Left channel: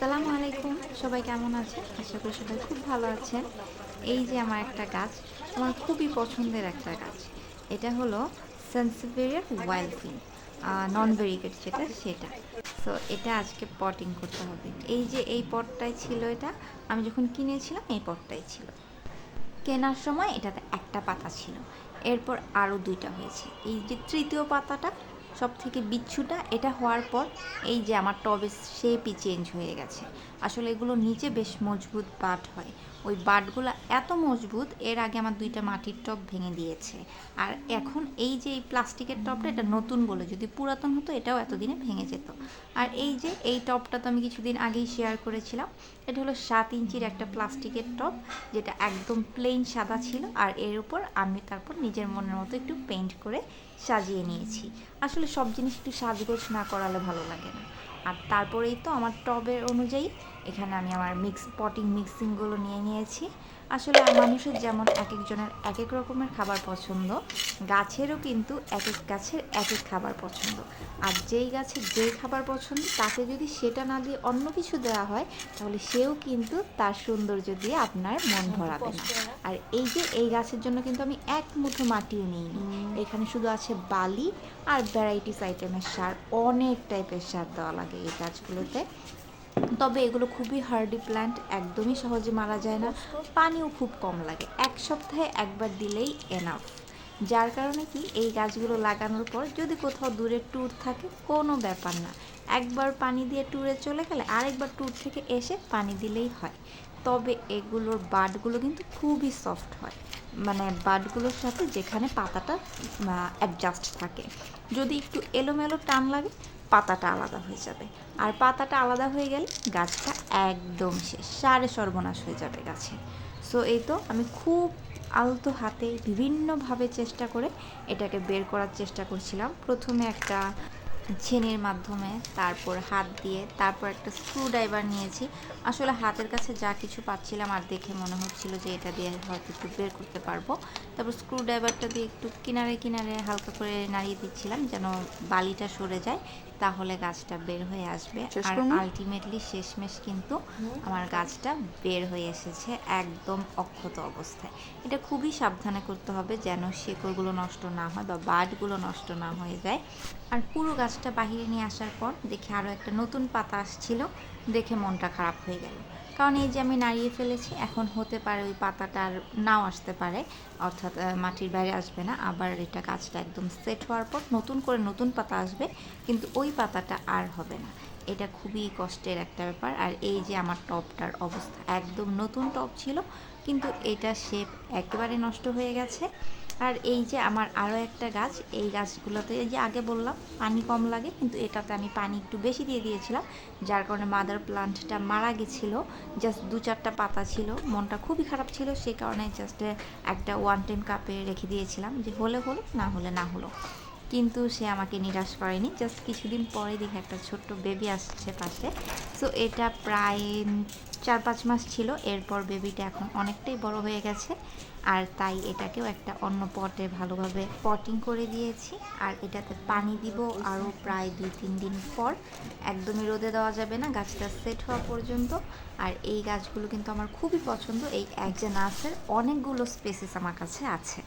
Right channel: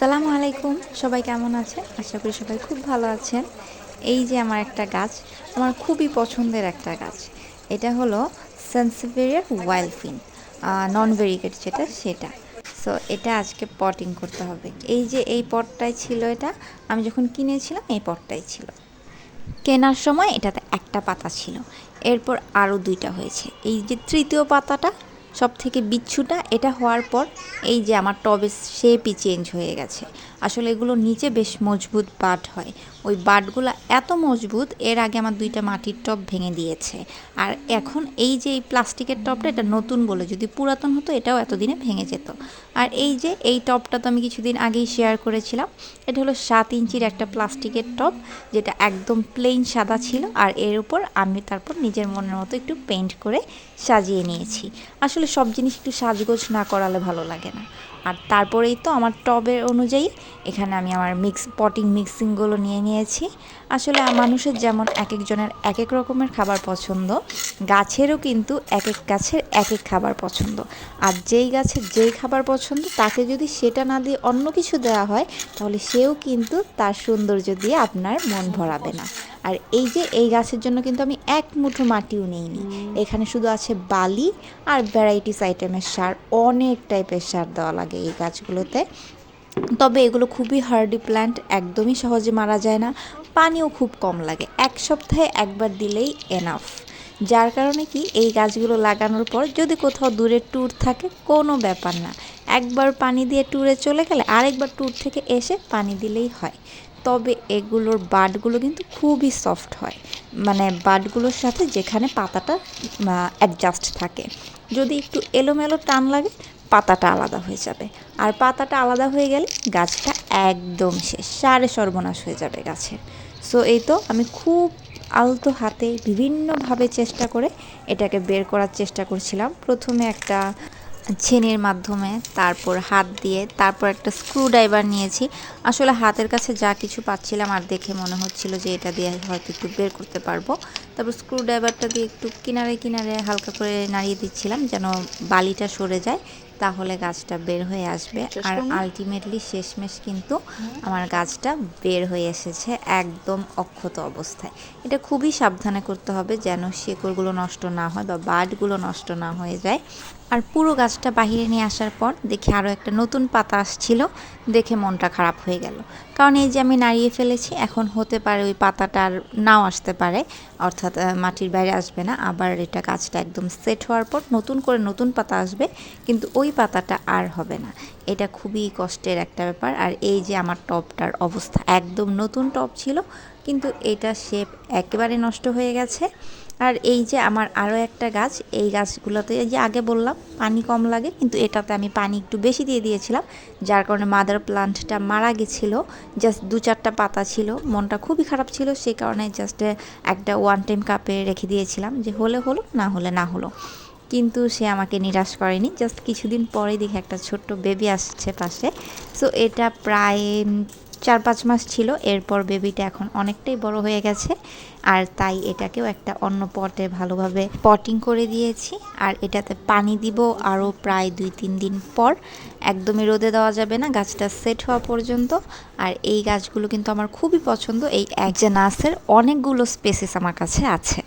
আসসালামু আলাইকুম। সবাই কেমন আছেন? আশা করি সবাই খুব ভালো আছেন। এই যে আমার একটা গাছ, আমার খুবই পছন্দের একটা গাছ। এটা হলো সানসেভেরিয়ার ওয়াইল্ড ফিন, নন ভেরিগেট যেটা সেটা। সো এটা আজকে পটিং করতে হবে। এই যে এই পটটাই ছিল এটা, আমি যখন কিনেছিলাম এই পটটাই ছিল। কেনার সময় এটাতে একটা পাতা ছিল, এরপর আরও ২টা হয়েছে। এই যে তৃতীয় পাতাটা সব থেকে বিচ্ছুটা এটা হওয়ার পর এই যে আমার টবের শেপই চেঞ্জ হয়ে গেছে। আসলে এগুলো নিচে বেশ মজবুত বাট হয়, ওই বাটগুলো এত মজবুত এর আগে আমার 2টা মাটির টব ভেঙে দিয়েছে। আর এখন এই যে এই প্লাস্টিকের টবটা এটা নতুন বলে, যদি পুরাতন হতো এটাও এতদিনে ভেঙে যেত। আর এই যে এই টবটা তো আমি কিছুদিন আগেই শেয়ার করেছিলাম। এটা হলো 7 ইঞ্চির একটা প্লাস্টিকের টব, যেটা একদম প্লেন সাদা ছিল। আর এর উপর আমি তারপর নিজের মনের মতো একটু পেইন্ট করে সাজিয়ে নিয়েছি। আসলে সব জিনিস একটু সাজগোজ না করালে ভালো লাগে না। আর তারপরেই তো আমার টবের অনুযায়ী এখানে আমি আমার পটিং মিক্সিংগুলো নিয়ে নিয়েছি। আসলে মানুষের যেমন এক একজনের এক এক রকমের খাবার পছন্দ, গাছেরও কিন্তু এক এক গাছের এক এক খাবার পছন্দ। আর যেই গাছের যেই খাবার পছন্দ তাকে যদি সেটা না দিয়ে অন্য কিছু দেওয়া হয়, তাহলে সেও কিন্তু তার সৌন্দর্য দিয়ে আপনার মন ভরাবে না। আর এই যে এই গাছের জন্য কিন্তু আমি এক মুঠো মাটিও নিইনি, এখানে শুধু আছে বালি আর ভ্যারাইটিস আইটেমের সার। অনেক টাইপের সার দেওয়া লাগে এই গাছগুলোতে। তবে এগুলো খুবই হার্ডি প্ল্যান্ট, একদমই সহজে মারা যায় না, পানিও খুব কম লাগে, 1 সপ্তাহে একবার দিলেই এনাফ। যার কারণে কি এই গাছগুলো লাগানোর পর যদি কোথাও দূরে ট্যুর থাকে কোনো ব্যাপার না, একবার পানি দিয়ে ট্যুরে চলে গেলে আরেকবার ট্যুর থেকে এসে পানি দিলেই হয়। তবে এগুলোর বাডগুলো কিন্তু খুবই সফট হয়, মানে বাডগুলোর সাথে যেখানে পাতাটা অ্যাডজাস্ট থাকে। যদি একটু এলোমেলো টান লাগে পাতাটা আলাদা হয়ে যাবে, আর পাতাটা আলাদা হয়ে গেলে গাছটা একদম শেষ, সারে সর্বনাশ হয়ে যাবে গাছের। সো এই তো আমি খুব আলতো হাতে বিভিন্নভাবে চেষ্টা করে এটাকে বের করার চেষ্টা করছিলাম। প্রথমে একটা ছেনির মাধ্যমে, তারপর হাত দিয়ে, তারপর একটা স্ক্রুড্রাইভার নিয়েছি। আসলে হাতের কাছে যা কিছু পাচ্ছিলাম আর দেখে মনে হচ্ছিল যে এটা দিয়ে হয়তো একটু বের করতে পারবো। তারপর স্ক্রুড্রাইভারটা দিয়ে একটু কিনারে কিনারে হালকা করে নাড়িয়ে দিচ্ছিলাম যেন বালিটা সরে যায়, তাহলে গাছটা বের হয়ে আসবে। আর আলটিমেটলি শেষমেশ কিন্তু আমার গাছটা বের হয়ে এসেছে একদম অক্ষত অবস্থায়। এটা খুবই সাবধানে করতে হবে যেন শেকড়গুলো নষ্ট না হয় বা বাডগুলো নষ্ট না হয়ে যায়। আর পুরো গাছটা বাহিরে নিয়ে আসার পর দেখে আরও একটা নতুন পাতা আসছিল, দেখে মনটা খারাপ হয়ে গেল। কারণ এই যে আমি নাড়িয়ে ফেলেছি, এখন হতে পারে ওই পাতাটা আর নাও আসতে পারে, অর্থাৎ মাটির বাইরে আসবে না। আবার এটা গাছটা একদম সেট হওয়ার পর নতুন করে নতুন পাতা আসবে, কিন্তু ওই পাতাটা আর হবে না। এটা খুবই কষ্টের একটা ব্যাপার। আর এই যে আমার টবটার অবস্থা, একদম নতুন টব ছিল কিন্তু এটা শেপ একেবারে নষ্ট হয়ে গেছে। আর এই যে আমার আরও একটা গাছ, এই গাছগুলোতে এই যে আগে বললাম পানি কম লাগে, কিন্তু এটাতে আমি পানি একটু বেশি দিয়ে দিয়েছিলাম, যার কারণে মাদার প্লান্টটা মারা গেছিলো। জাস্ট 2-4টা পাতা ছিল, মনটা খুবই খারাপ ছিল, সেই কারণে জাস্ট একটা ওয়ান টাইম কাপে রেখে দিয়েছিলাম যে হলে হলো, না হলে না হলো। কিন্তু সে আমাকে নিরাশ করেনি, জাস্ট কিছুদিন পরেই দেখে একটা ছোট্ট বেবি আসছে পাশে। সো এটা প্রায় 4-5 মাস ছিল, এরপর বেবিটা এখন অনেকটাই বড় হয়ে গেছে। আর তাই এটাকেও একটা অন্য পটে ভালোভাবে পটিং করে দিয়েছি। আর এটাতে পানি দিব আরও প্রায় 2-3 দিন পর, একদমই রোদে দেওয়া যাবে না, গাছটা সেট হওয়া পর্যন্ত। আর এই গাছগুলো কিন্তু আমার খুবই পছন্দ, এই এক যে নার্সের অনেকগুলো স্পেসিস আমার কাছে আছে।